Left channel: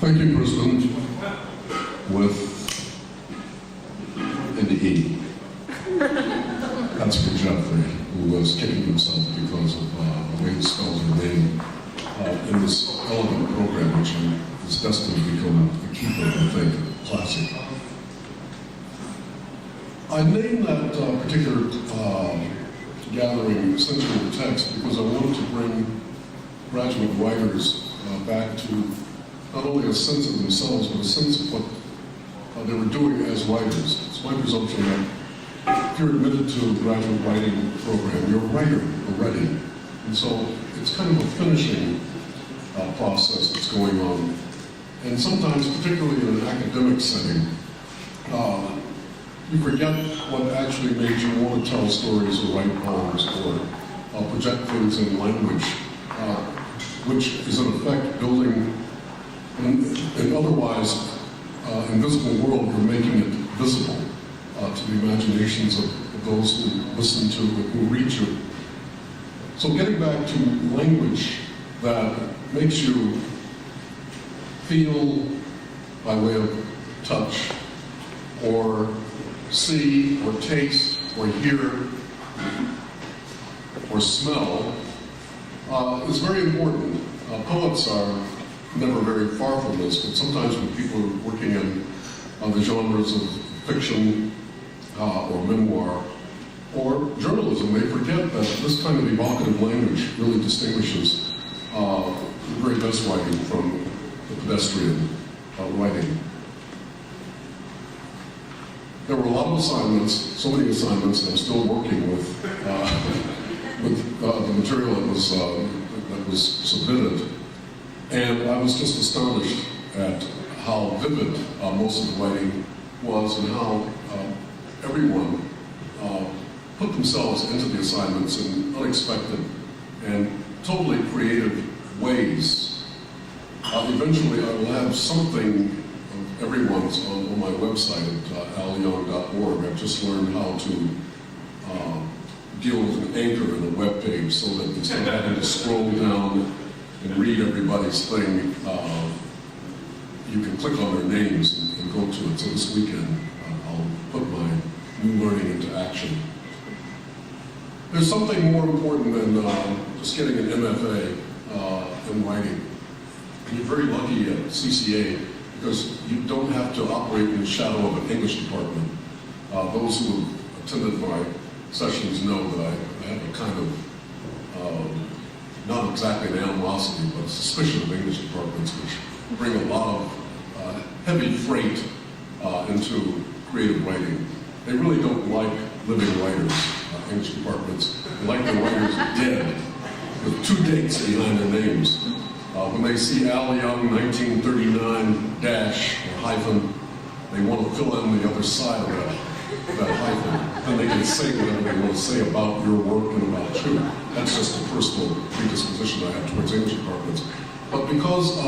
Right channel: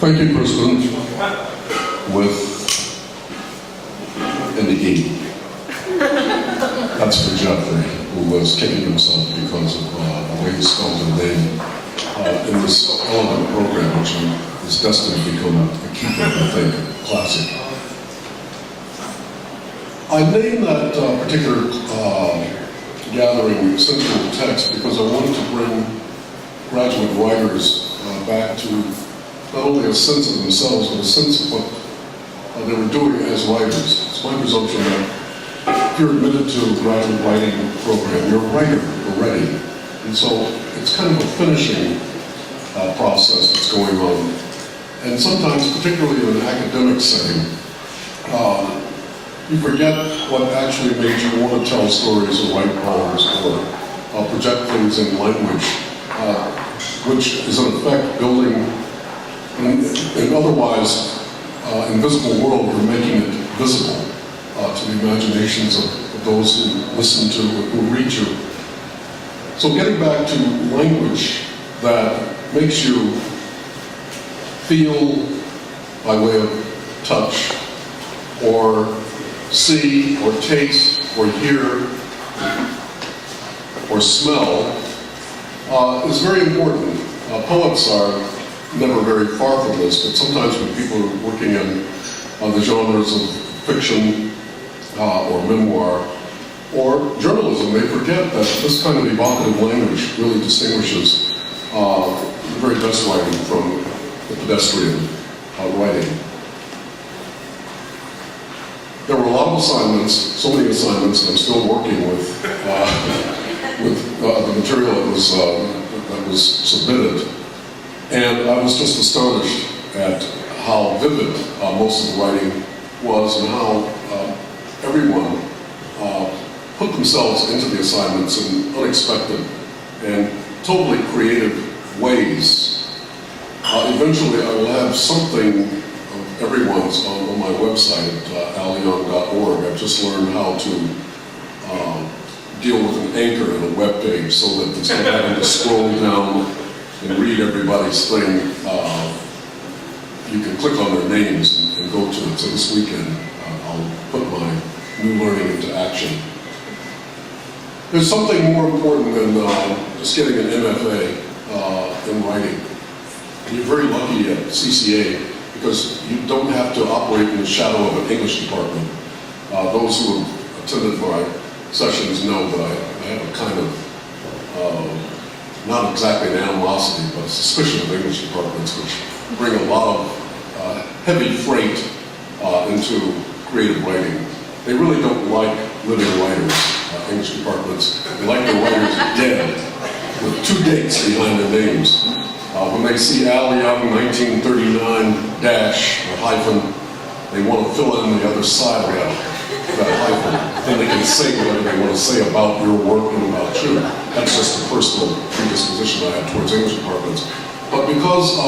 Thank you, President, with an E. That's for Jeffrey, who was kicking himself because of the way he spelled her name in this elegant program, which is destined to become a keeper, I think, classic. I named that particular gathering Sensual Text because I wanted to bring graduate writers back to not only a sense of themselves, but a sense of what they were doing as writers. It's my presumption that if you're admitted to a graduate writing program, you're a writer already. And so it's kind of a finishing process that's going on. And sometimes, particularly in an academic setting, you forget what actually made you want to tell stories or write poems or project things in language, which is in effect building an otherwise invisible world. You're making it visible to the imaginations of those who listen to, who read you. So getting back to language that makes you feel by way of touch, or see, or taste, or hear, or smell, is very important. Poets are never very far from this, but sometimes when people are working in the genres of fiction or memoir or journalism, they forget that this kind of evocative language really distinguishes the very best writing from the pedestrian writing. There were a lot of assignments, so many assignments, and I'm still working with the material that was submitted. And I was just astonished at how vivid most of the writing was, and how everyone put themselves into the assignments in unexpected and totally creative ways. Eventually I will have something of everyone's on my website at alyoung.org. I've just learned how to deal with an anchor in a web page so that instead of having to scroll down and read everybody's thing, you can click on their names and go to it. So this weekend, I'll put my new learning into action. There's something more important than just getting an MFA in writing. And you're very lucky at CCA because you don't have to operate in the shadow of an English department. Those who have attended my sessions know that I have a kind of not exactly an animosity, but a suspicion of English departments, which bring a lot of heavy freight into creative writing. They really don't like living writers, English departments. They like their writers dead, with 2 dates behind their names. When they see Al Young 1939 dash or hyphen, they want to fill in the other side of that hyphen. Then they can say whatever they want to say about your work and about you. That's just a personal predisposition I have towards English departments. But because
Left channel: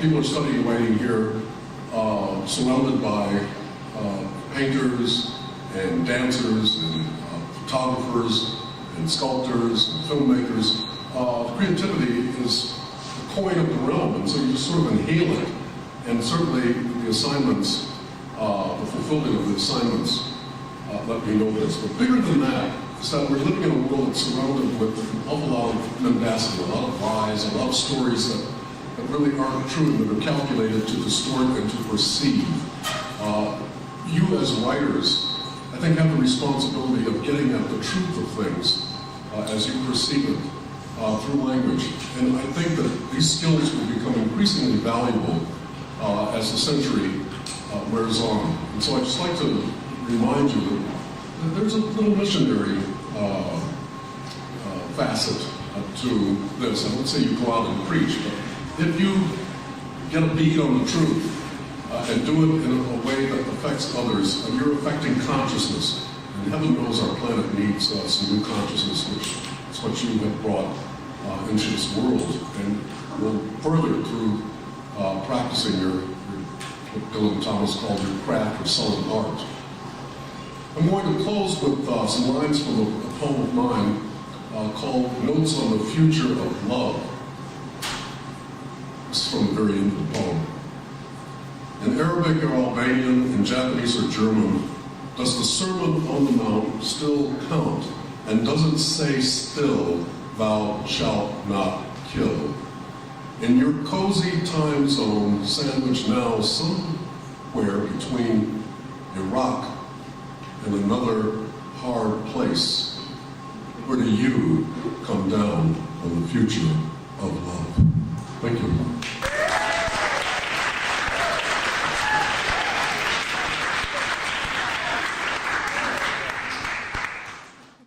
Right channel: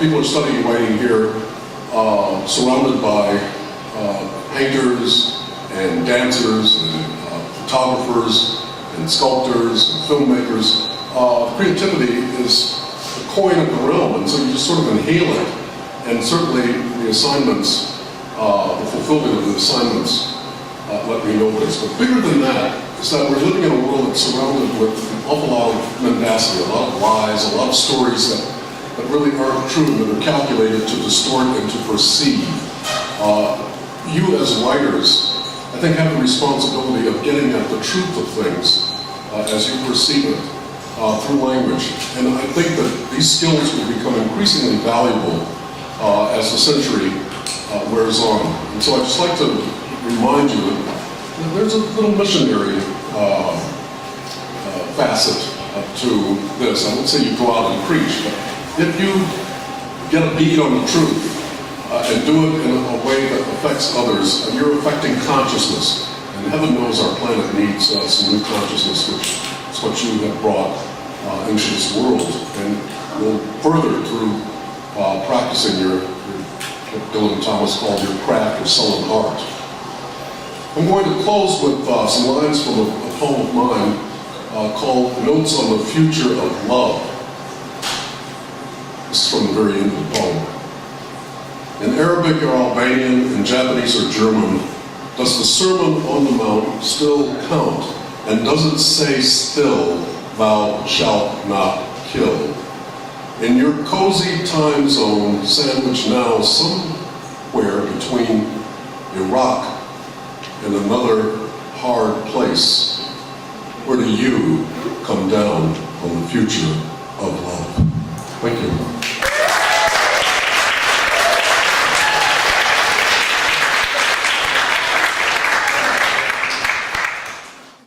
people are studying writing here, surrounded by painters and dancers and photographers and sculptors and filmmakers, creativity is the coin of the realm, and so you just sort of inhale it. And certainly the assignments, the fulfillment of the assignments let me know this. But bigger than that is that we're living in a world that's surrounded with an awful lot of mendacity, a lot of lies, a lot of stories that really aren't true, that are calculated to distort and to perceive. You as writers, I think, have the responsibility of getting at the truth of things as you perceive it through language. And I think that these skills will become increasingly valuable as the century wears on. And so I'd just like to remind you that there's a little missionary facet to this. I won't say you go out and preach, but if you get a bead on the truth and do it in a way that affects others, and you're affecting consciousness, and heaven knows our planet needs some new consciousness, which is what you have brought into this world, and will further through practicing your what Dylan Thomas called your craft or sullen art. I'm going to close with some lines from a poem of mine called Notes on the Future of Love. This is from the very end of the poem. in Arabic or Albanian, in Japanese or German, does the Sermon on the Mount still count? And does it say still, thou shalt not kill? In your cozy time zone, sandwiched now somewhere between Iraq and another hard place, where do you come down on the future of love? Thank you.